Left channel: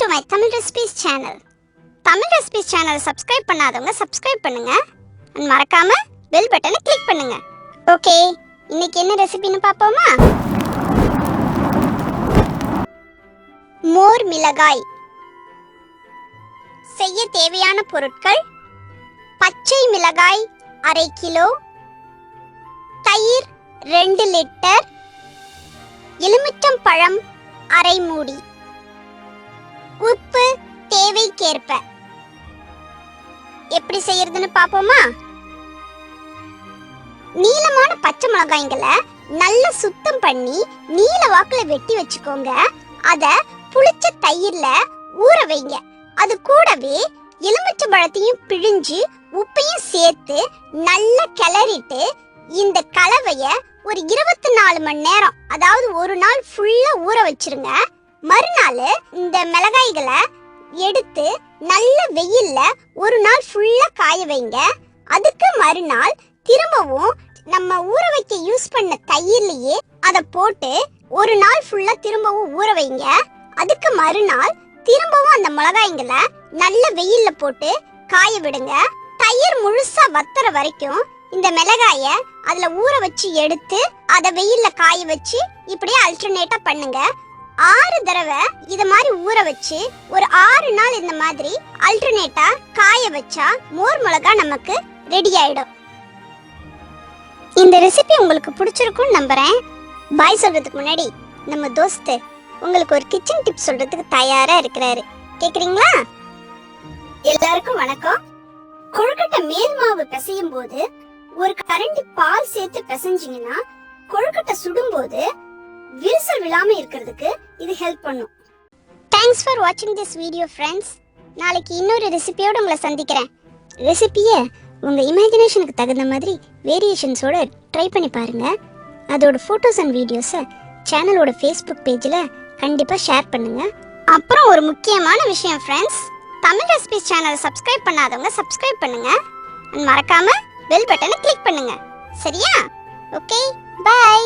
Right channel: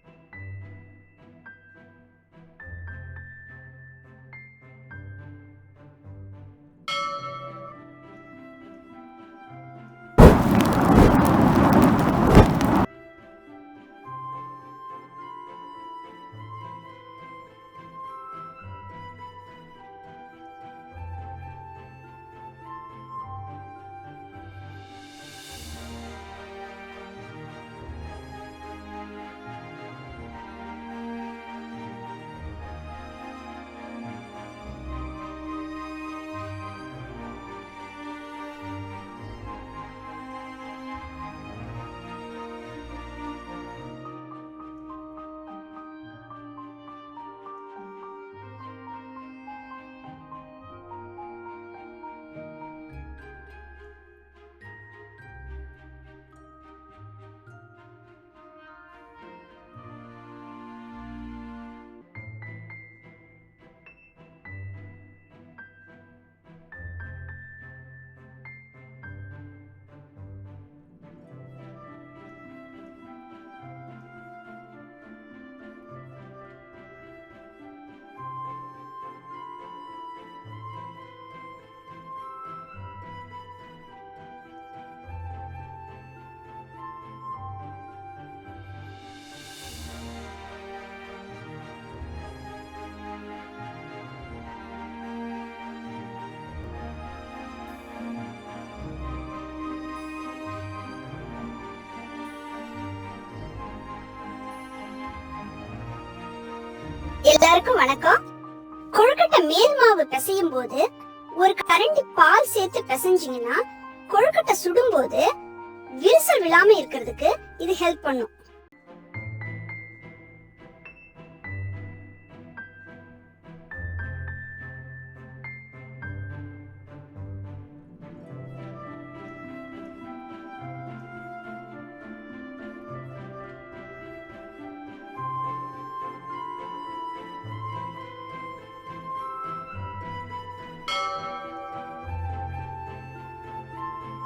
to my Tamil Recipes channel. Tamil Recipes channel subscribe பண்ணாதவங்க subscribe பண்ணுங்க and மறக்காம bell button click பண்ணுங்க. Okay, இன்னைக்கு என்ன ரெசிபின்னு பாப்போமா? மோர் மிளகாய். செய்ய தேவையான பொருட்கள்: பச்சை மிளகாய் 1/2 கிலோ, தயிர் 2 லிட்டர், எலுமிச்சம் பழம் 1/2 மூடி, உப்பு தேவைக்கேற்ப. எப்படி செய்யறதுன்னு பாப்போமா? நீளமான பச்சை மிளகாய்களை நல்லா சுத்தம் பண்ணி நீல வாக்குல வெட்டி வச்சுக்கோங்க. அத புளிச்ச தயிர்ல ஊற வைங்க. அது கூடவே எலுமிச்சை பழத்தையும் பிழிஞ்சு உப்பையும் சேர்த்து நல்லா கிளறிட்டு இந்த கலவைய ஒரு 24 மணி நேரம், அதாவது ஒரு நாள் ஃபுல்லா ஊற வச்சிருங்க. மறுநாள் இந்த மிளகாய்களை எடுத்து நல்ல வெயில்ல ஒரு நாள் ஃபுல்லா காய வைங்க. அதுக்கு மறுநாள் திரும்பவும் நம்ம ஊற வைக்க யூஸ் பண்ண தயிர்லயே அதை போட்டு ஒரு நாள் ஃபுல்லா திரும்பவும் ஊற வைங்க. அதுக்கு மறுநாள் திரும்பவும் அந்த மிளகாய்களை நல்ல வெயில்ல போட்டு காய விடுங்க. தயிர் முழுசா வத்துற வரைக்கும் இந்த மிளகாய அதுல ஊற வச்சு எடுத்து அதை வெயில்ல காய வச்சு இப்படியே அல்டர்னேட்டா பண்ணுங்க. 6 தடவை இத மாதிரி ஊற வச்சு ஒரு 6 நாள் இந்த மாதிரி அல்டர்னேட்டா காய வச்சா மோர் மிளகா நமக்கு ரெடி ஆயிடும். இந்த ரெசிபி உங்களுக்கு பிடிச்சிருக்கும்னு நம்புறேன். பாய் சொல்றதுக்கு முன்னாடி நம்ம தோஸ்து உங்களுக்கு ஒரு கிச்சன் டிப் சொல்றதுக்கு தயாரா இருக்கிறாரு. கேக்குறீங்களா? எல்லாருக்கும் வணக்கம். கொழுக்கட்டை மேல் மாவு பிசையும் போது ஒரு கரண்டி பால் சேர்த்து பிசைஞ்சீங்கன்னா கொழுக்கட்டை சுடும் போது விரிசல் விழாம இருக்கிறதுக்கு இது ஹெல்ப் பண்ணும். தேங்க்ஸ் ஃபார் வாட்சிங் திஸ் வீடியோ ஃப்ரெண்ட்ஸ். நாளைக்கு இன்னொரு ரெசிபியோட உங்களை சந்திக்கிறேன். ரெசிபியை உங்க இமேஜினேஷனுக்கு தகுந்த மாதிரி வேரியேஷன்ஸோட ட்ரை பண்ணி பாருங்க. அதோட ஃபோட்டோஸ் அண்ட் வீடியோஸை சேனலோட ஃபேஸ்புக் பேஜில் கண்டிப்பாக ஷேர் பண்ணுங்க. அப்புறம் ஒரு முக்கியமான விஷயம் ஃப்ரெண்ட்ஸ், தமிழ் ரெசிபிஸ் சேனலை சப்ஸ்கிரைப் பண்ணாதவங்க சப்ஸ்கிரைப் பண்ணுங்க. மறக்காம பெல் பட்டனை கிளிக் பண்ணுங்க. சரியா? Okay, by.